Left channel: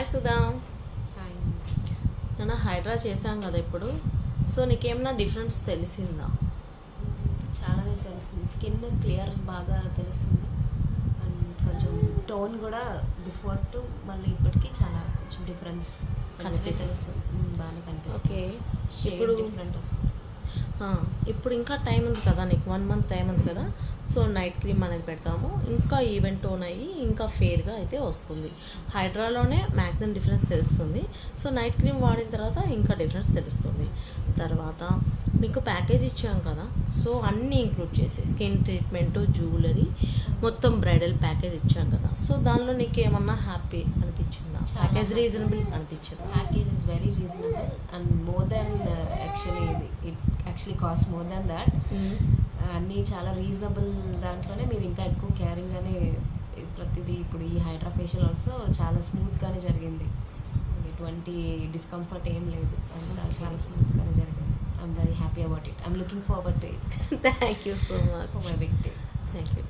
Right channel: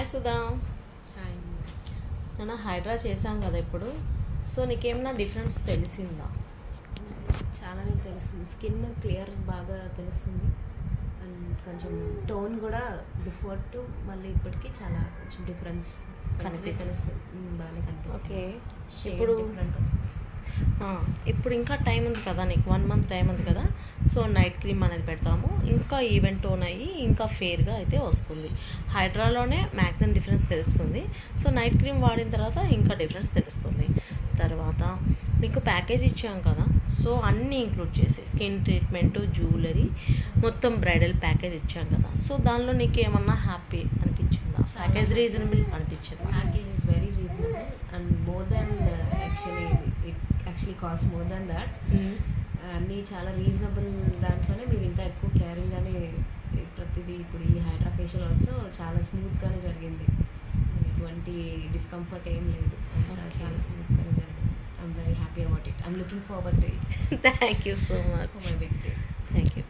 Hi Sudha. నేను హైడ్రా చేశాం కదా ఇప్పుడు. సో నీకేమన్నా డిఫరెన్స్ తెలిసిందా? చాలానే తెలుస్తుంది. స్కిన్ క్లియర్ బాగా తెలుస్తుంది అండ్ కొంచెం టోన్ కూడా బిఫోర్ టు మళ్ళీ ఇప్పటికీ చాలా కొంచెం డిఫరెన్స్ కనిపిస్తుంది. బాగానే కనిపిస్తుంది. ఓకే, ఇప్పుడు డిఫరెంట్ వస్తుంది. ఇప్పుడు ఇంకా టైం ఉంది కదా, నీకు 1 month టైం ఉంది కదా. సో నైట్ క్రీమ్ అనేది పెడతాము, ఇంకా ఈవెంట్ టోన్ అయ్యి ఇంకా ఫేర్గా అయితే వస్తుంది. హైడ్రాలోనే మ్యాక్సిమం డిఫరెన్స్ తెలుస్తుంది. సో నైట్ క్రీమ్ వాడిన తర్వాత ఇంకా డిఫరెన్స్ తెలుస్తుంది. తర్వాత నీకు ప్యాకేజ్ ఇచ్చాం కదా, సో అన్నీ ఇంక్లూడ్ చేసి స్కిన్ ట్రీట్మెంట్, జ్యువెలరీ, మొత్తం బ్రైడల్ ప్యాకేజ్ ఇచ్చాం కదా. సో దానిలో నీకు ఏమన్నా హ్యాపీ అనిపించిందా? ప్యాకేజ్ రీజనబుల్ అనిపించిందా? Package is very reasonable and more than it actually cost more than that. అన్నీ చాలా రీజనబుల్ దాంట్లోనే మీరు ఇంకా ఎక్కువ కేరింగ్గానే ప్రతిదీ. ఇప్పుడు ఈ హైడ్రా ఫేషియల్ ఆల్సో చాలా స్మూత్గానే జరిగింది, ఎటువంటి డిస్కంఫర్ట్ ఏం లేదు, అంతా చాలా స్మూత్గానే జరిగింది. I'm very happy about it. I'm looking forward to it. Thank you so much for my big day. Thank you.